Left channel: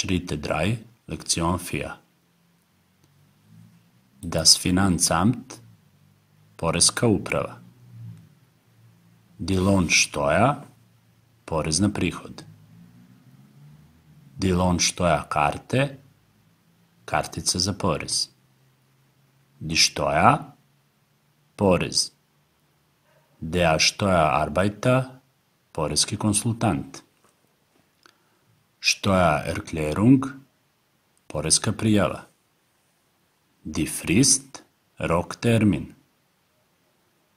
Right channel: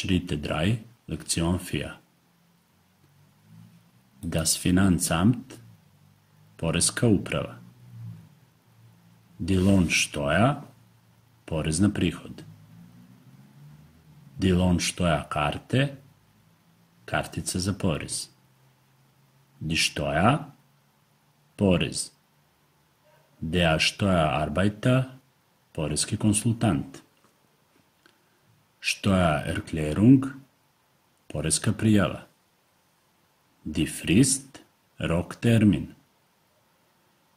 Schritte 3, Lektion 4. Das Finanzamt, Poreska uprava. Die Lohnsteuer, porez na prihod. Die Lohnsteuerkarte, kartica za porez. Die Steuer, porez. Der Steuerarbeiter, poreski konsultant. Steuererklärung, poreska prijava. Die Frist, roktermin.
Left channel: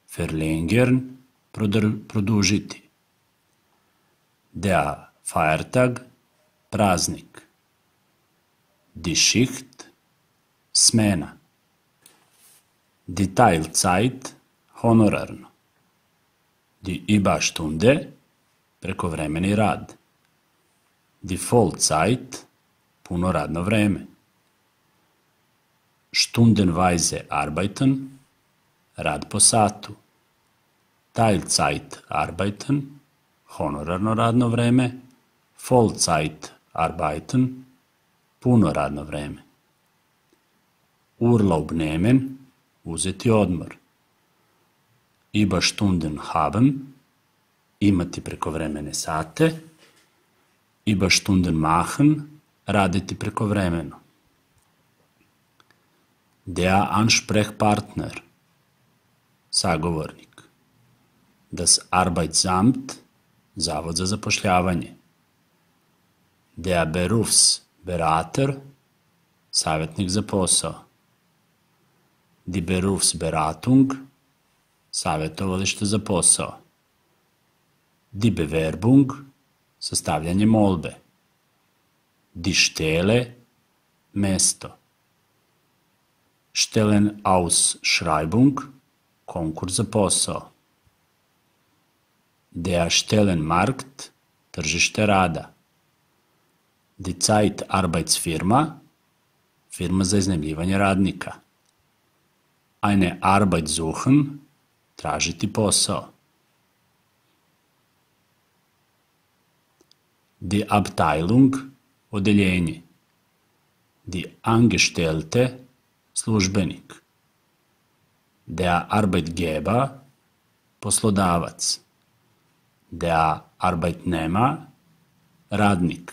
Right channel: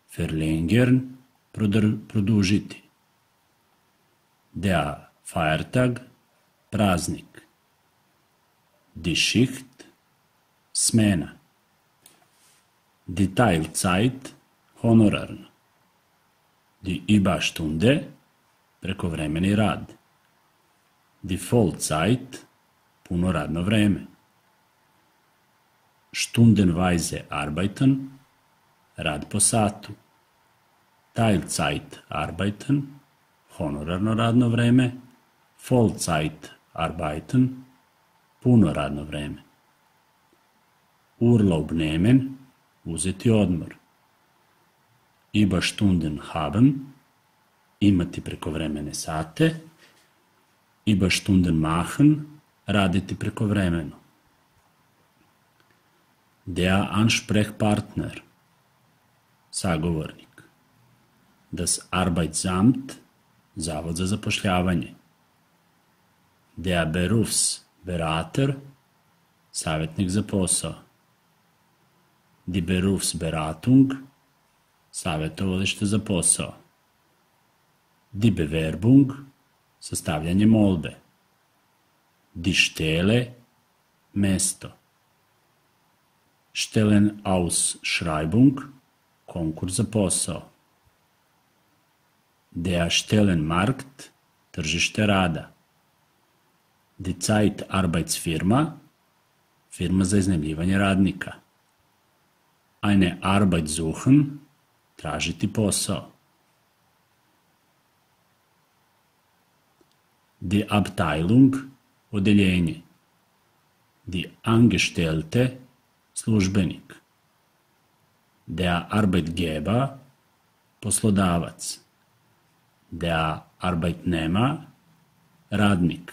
Verlängern, produžiti. Der Feiertag, praznik. Die Schicht, smena. Die Teilzeit, honorarno. Die Überstunde, prekovremeni rad. Die Vollzeit, puno radno vreme. Stundenweise arbeiten, rad po satu. Teilzeit arbeiten, honorarno radno vreme. Vollzeit arbeiten, puno radno vreme. Urlaub nehmen, uzeti odmor. Überstunden haben, imati prekovremene sate. Überstunden machen, raditi prekovremeno. Der Ansprechpartner, sagovornik. Das Arbeitsamt, zavod za zapošljavanje. Der Berufsberater, savjetnik za posao. Die Berufsberatung, savjetovalište za posao. Die Bewerbung, sastavljanje molbe. Die Stelle, mesto. Stellenausschreibung, konkurs za posao. Der Stellenmarkt, tržište rada. Die Zeitarbeitsfirma, firma za iznajmljivanje radnika. Eine Arbeit suchen, tražiti posao. Die Abteilung, odeljenje. Die Angestellte, službenik. Der Arbeitgeber, poslodavac. Der Arbeitnehmer, radnik.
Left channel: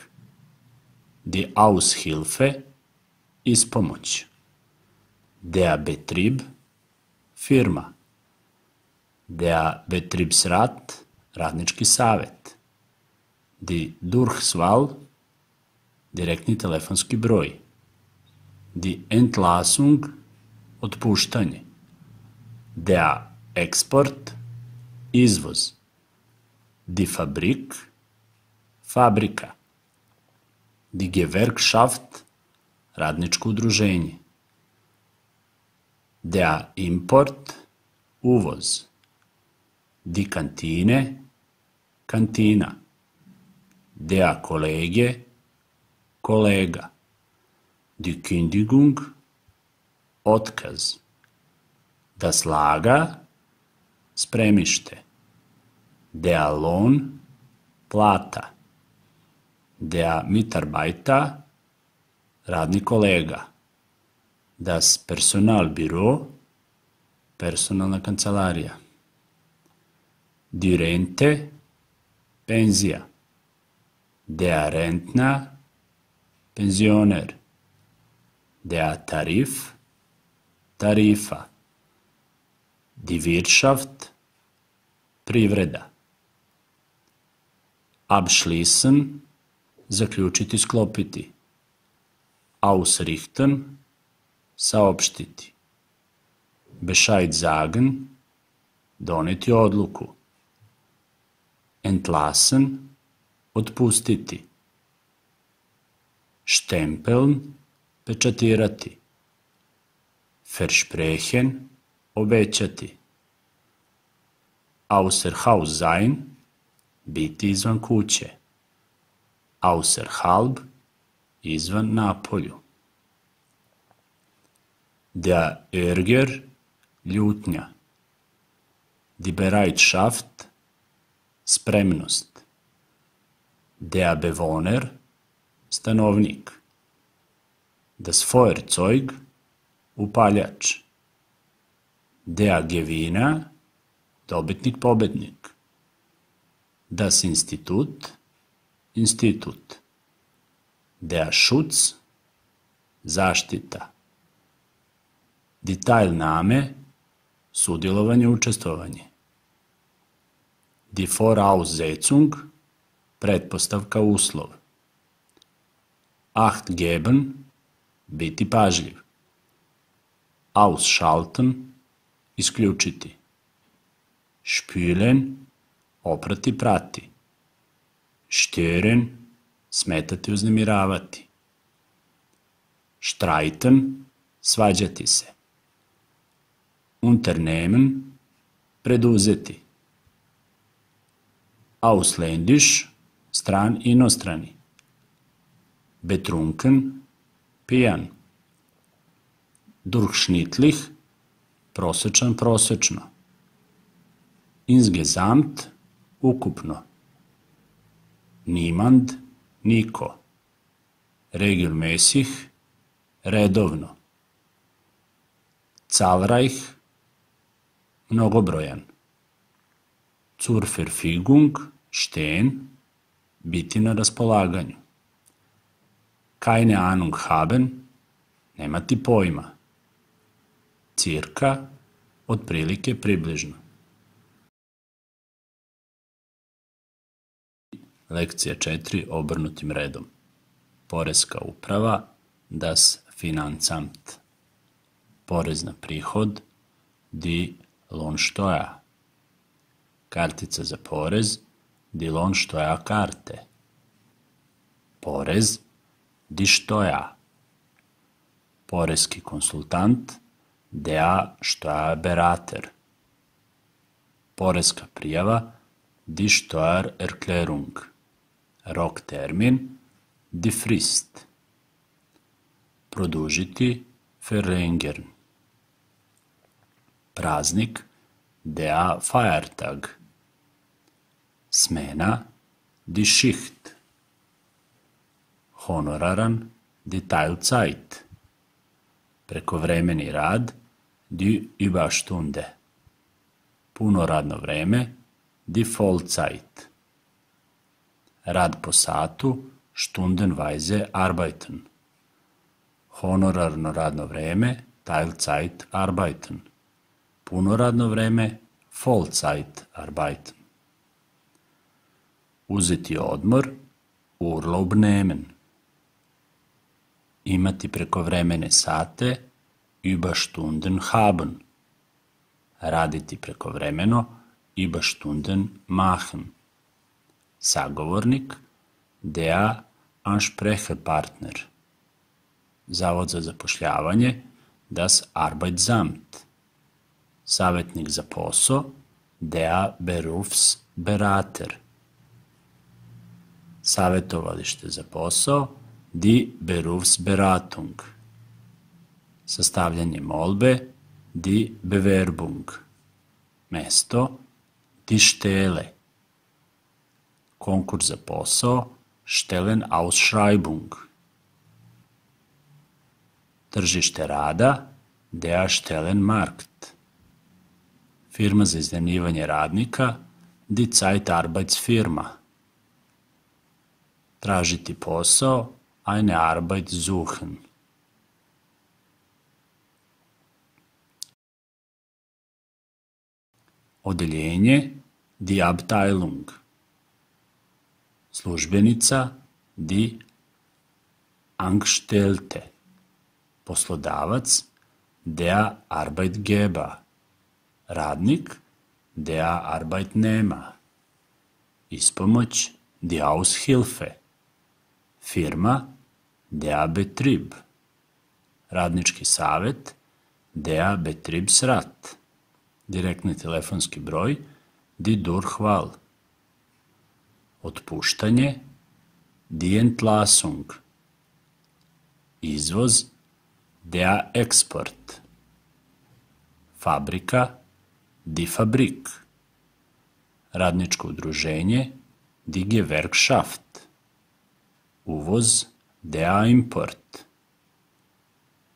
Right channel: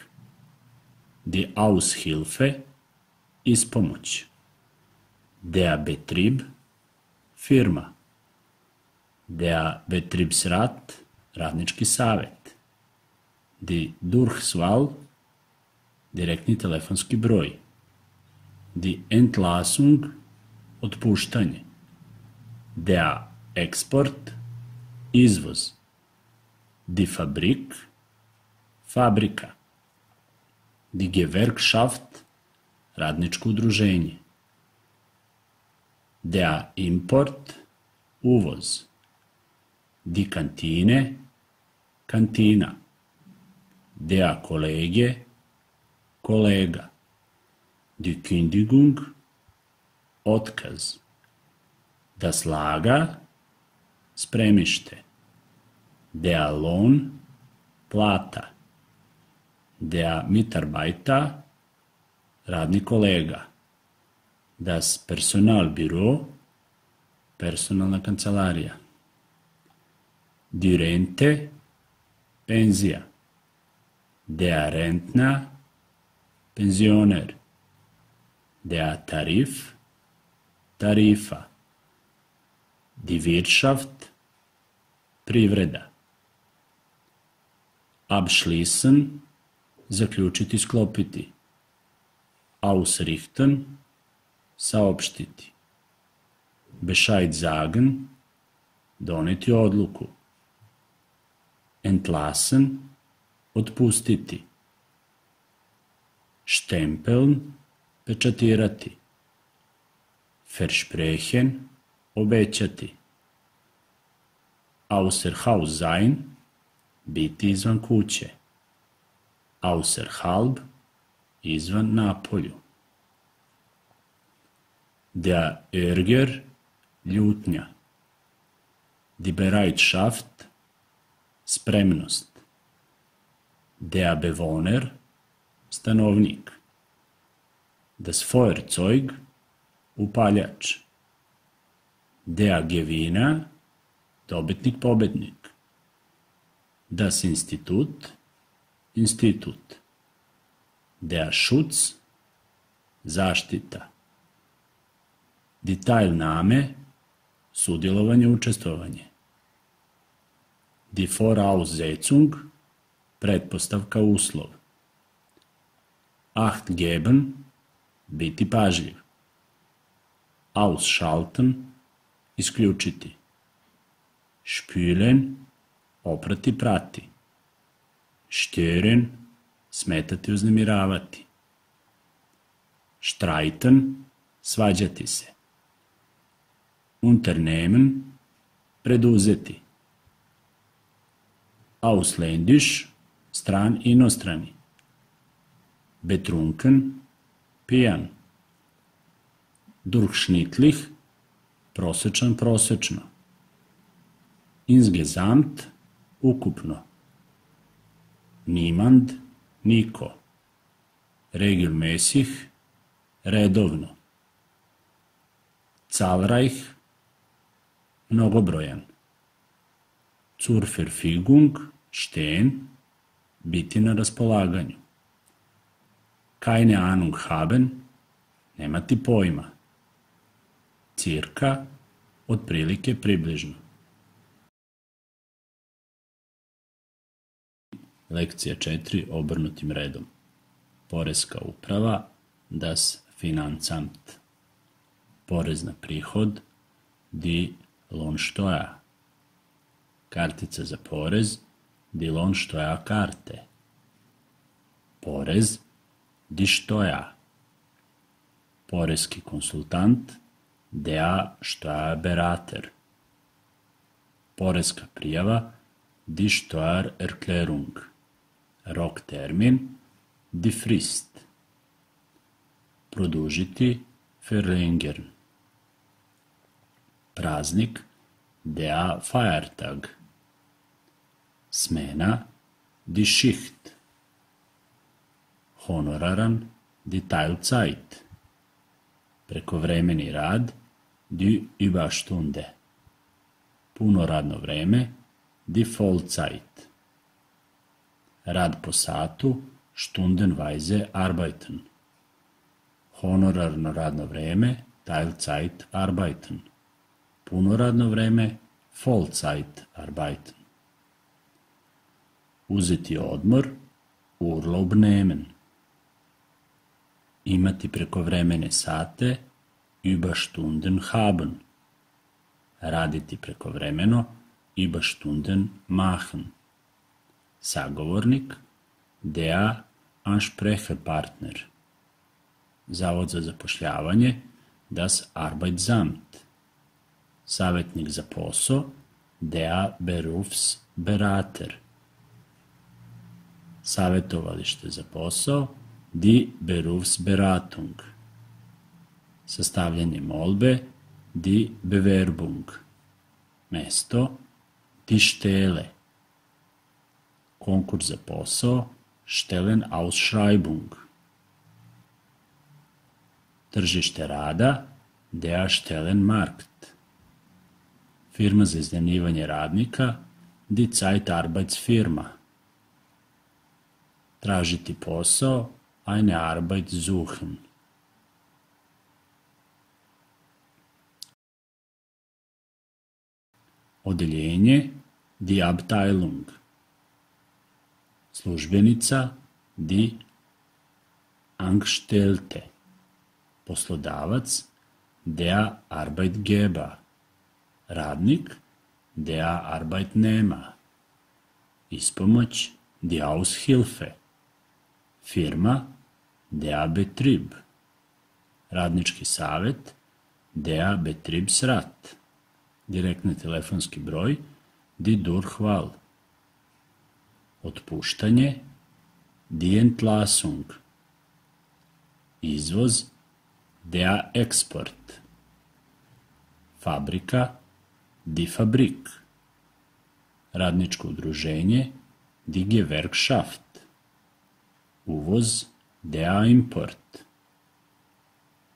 Die Aushilfe, ispomoć. Der Betrieb, firma. Der Betriebsrat, radnički savjet. Die Durchwahl, direktni telefonski broj. Die Entlassung, otpuštanje. Der Export, izvoz. Die Fabrik, fabrika. Die Gewerkschaft, radničko udruženje. Der Import, uvoz. Die Kantine, kantina. Der Kollege, kolega. Die Kündigung, otkaz. Das Lager, spremište. Der Lohn, plata. Der Mitarbeiter, radni kolega. Das Personalbüro, personalna kancelarija. Die Rente, penzija. Der Rentner, penzioner. Der Tarif, tarifa. Die Wirtschaft, privreda. Abschließen, zaključiti, sklopiti. Ausrichten, saopštiti. Bescheid sagen, doneti odluku. Entlassen, otpustiti. Stempeln, pečatirati. Versprechen, obećati. Außer Haus sein, biti izvan kuće. Außerhalb, izvan napolju. Der Ärger, ljutnja. Die Bereitschaft, spremnost. Der Bewohner, stanovnik. Das Feuerzeug, upaljač. Der Gewinner, dobitnik, pobednik. Das Institut, institut. Der Schutz, zaštita. Die Teilnahme, sudjelovanje, učestvovanje. Die Voraussetzung, pretpostavka, uslov. Acht geben, biti pažljiv. Ausschalten, isključiti. Spülen, oprati, prati. Stören, smetati, uznemiravati. Streiten, svađati se. Unternehmen, preduzeti. Ausländisch, stran, inostrani. Betrunken, pijan. Durchschnittlich, prosječan, prosječno. Insgesamt, ukupno. Niemand, niko. Regelmäßig, redovno. Zahlreich, mnogobrojan. Zur Verfügung, stehen, biti na raspolaganju. Keine Ahnung haben, nemati pojma. Cirka, otprilike, približno. Lekcija 4, obrnutim redom. Poreska uprava, das Finanzamt. Porez na prihod, die Lohnsteuer. Kartica za porez, die Lohnsteuerkarte. Porez, die Steuer. Poreski konsultant, der Steuerberater. Poreska prijava, die Steuererklärung. Roktermin, die Frist. Produžiti, verlängern. Praznik, der Feiertag. Smena, die Schicht. Honoraran, die Teilzeit. Prekovremeni rad, die Überstunde. Puno radno vreme, die Vollzeit. Rad po satu, stundenweise arbeiten. Honorarno radno vreme, Teilzeit arbeiten. Puno radno vreme, Vollzeit arbeiten. Uzeti odmor, Urlaub nehmen. Imati prekovremene sate, Überstunden haben. Raditi prekovremeno, Überstunden machen. Sagovornik, der Ansprecherpartner. Zavod za zapošljavanje, das Arbeitsamt. Savjetnik za posao, der Berufsberater. Savjetovalište za posao, die Berufsberatung. Sastavljanje molbe, die Bewerbung. Mesto, die Stelle. Konkurs za posao, Stellenausschreibung. Tržište rada, der Stellenmarkt. Firma za iznajmljivanje radnika, die Zeitarbeitsfirma. Tražiti posao, eine Arbeit suchen. Odeljenje, die Abteilung. Službenica, die Angestellte. Poslodavac, der Arbeitgeber. Radnik, der Arbeitnehmer. Ispomoć, die Aushilfe. Firma, der Betrieb. Radnički savjet, der Betriebsrat. Direktni telefonski broj, die Durchwahl. Otpuštanje, die Entlassung. Izvoz, der Export. Fabrika, die Fabrik. Radničko udruženje, die Gewerkschaft. Uvoz, der Import.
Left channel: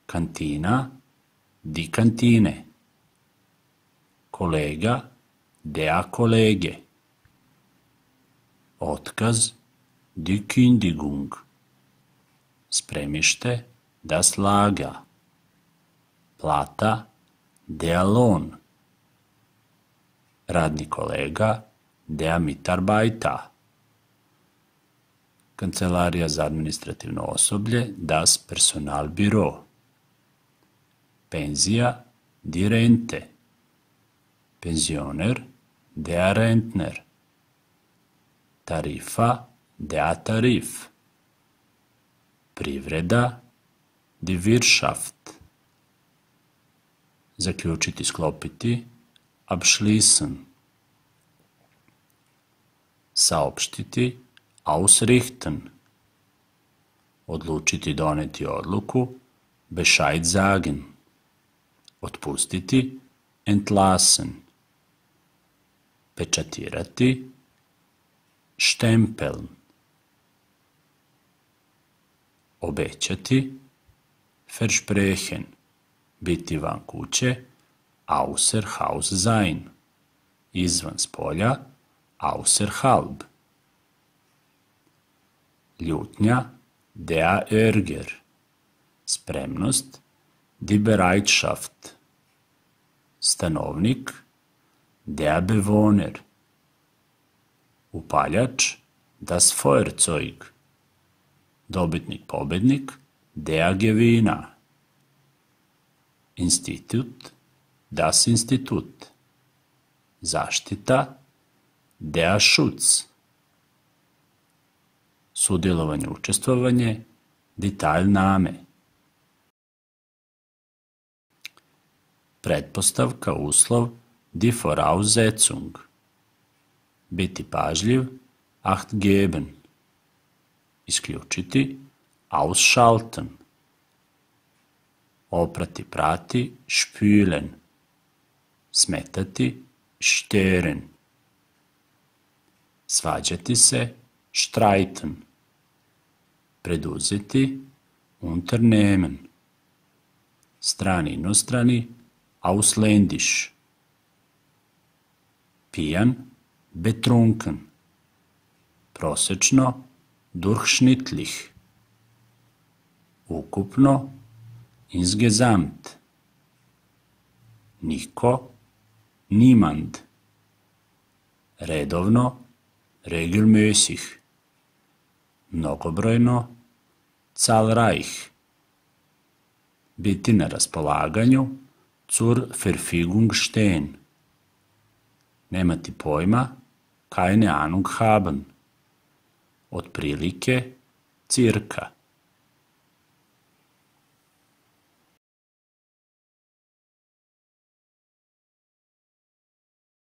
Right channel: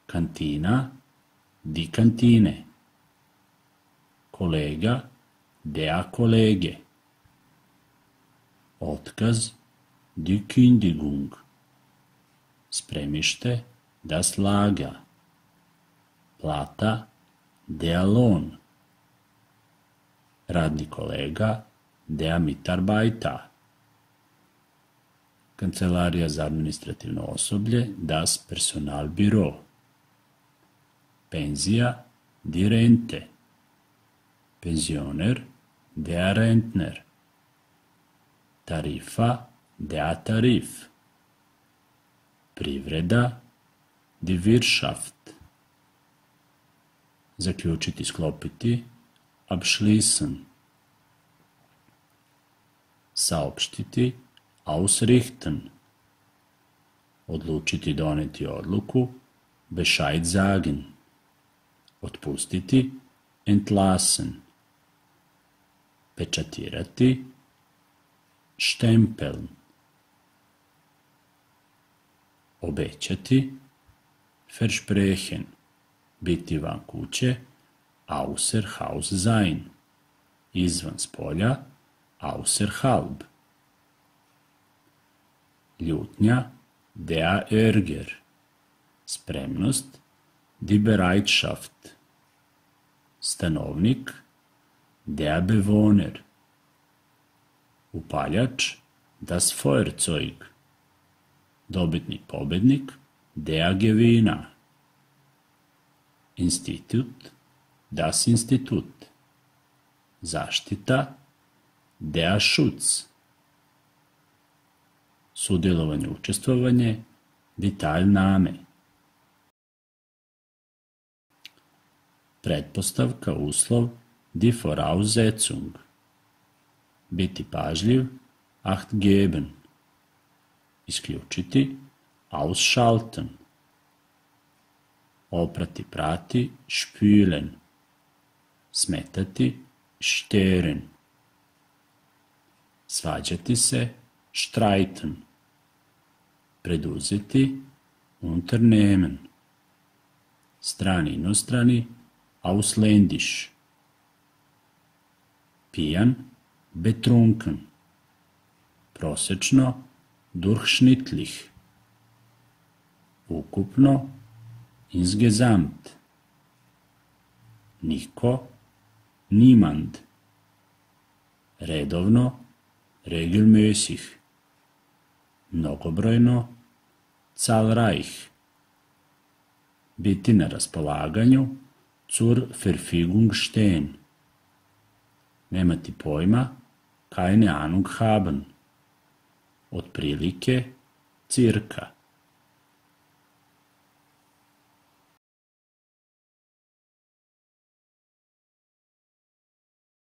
Kantina, die Kantine. Kolega, der Kollege. Otkaz, die Kündigung. Spremište, das Lager. Plata, der Lohn. Radni kolega, der Mitarbeiter. Kancelarija za administrativno osoblje, das Personalbüro. Penzija, die Rente. Pensioner, der Rentner. Tarifa, der Tarif. Privreda, die Wirtschaft. Zaključiti, sklopiti, abschließen. Saopštiti, ausrichten. Odlučiti, doneti odluku, Bescheid sagen. Otpustiti, entlassen. Pečatirati, stempeln. Obećati, versprechen. Biti van kuće, außer Haus sein. Izvan spolja, außerhalb. Ljutnja, der Ärger. Spremnost, die Bereitschaft. Stanovnik, der Bewohner. Upaljač, das Feuerzeug. Dobitnik, pobednik, der Gewinner. Institut, das Institut. Zaštita, der Schutz. Sudjelovanje, učestvovanje, die Teilnahme. Pretpostavka, uslov, die Voraussetzung. Biti pažljiv, acht geben. Isključiti, ausschalten. Oprati, prati, spülen. Smetati, stören. Svađati se, streiten. Preduzeti, unternehmen. Strani, inostrani, ausländisch. Pijan, betrunken. Prosečno, durchschnittlich. Ukupno, insgesamt. Niko, niemand. Redovno, regelmäßig. Mnogobrojno, zahlreich. Biti na raspolaganju, zur Verfügung stehen. Nemati pojma, keine Ahnung haben. Otprilike, cirka.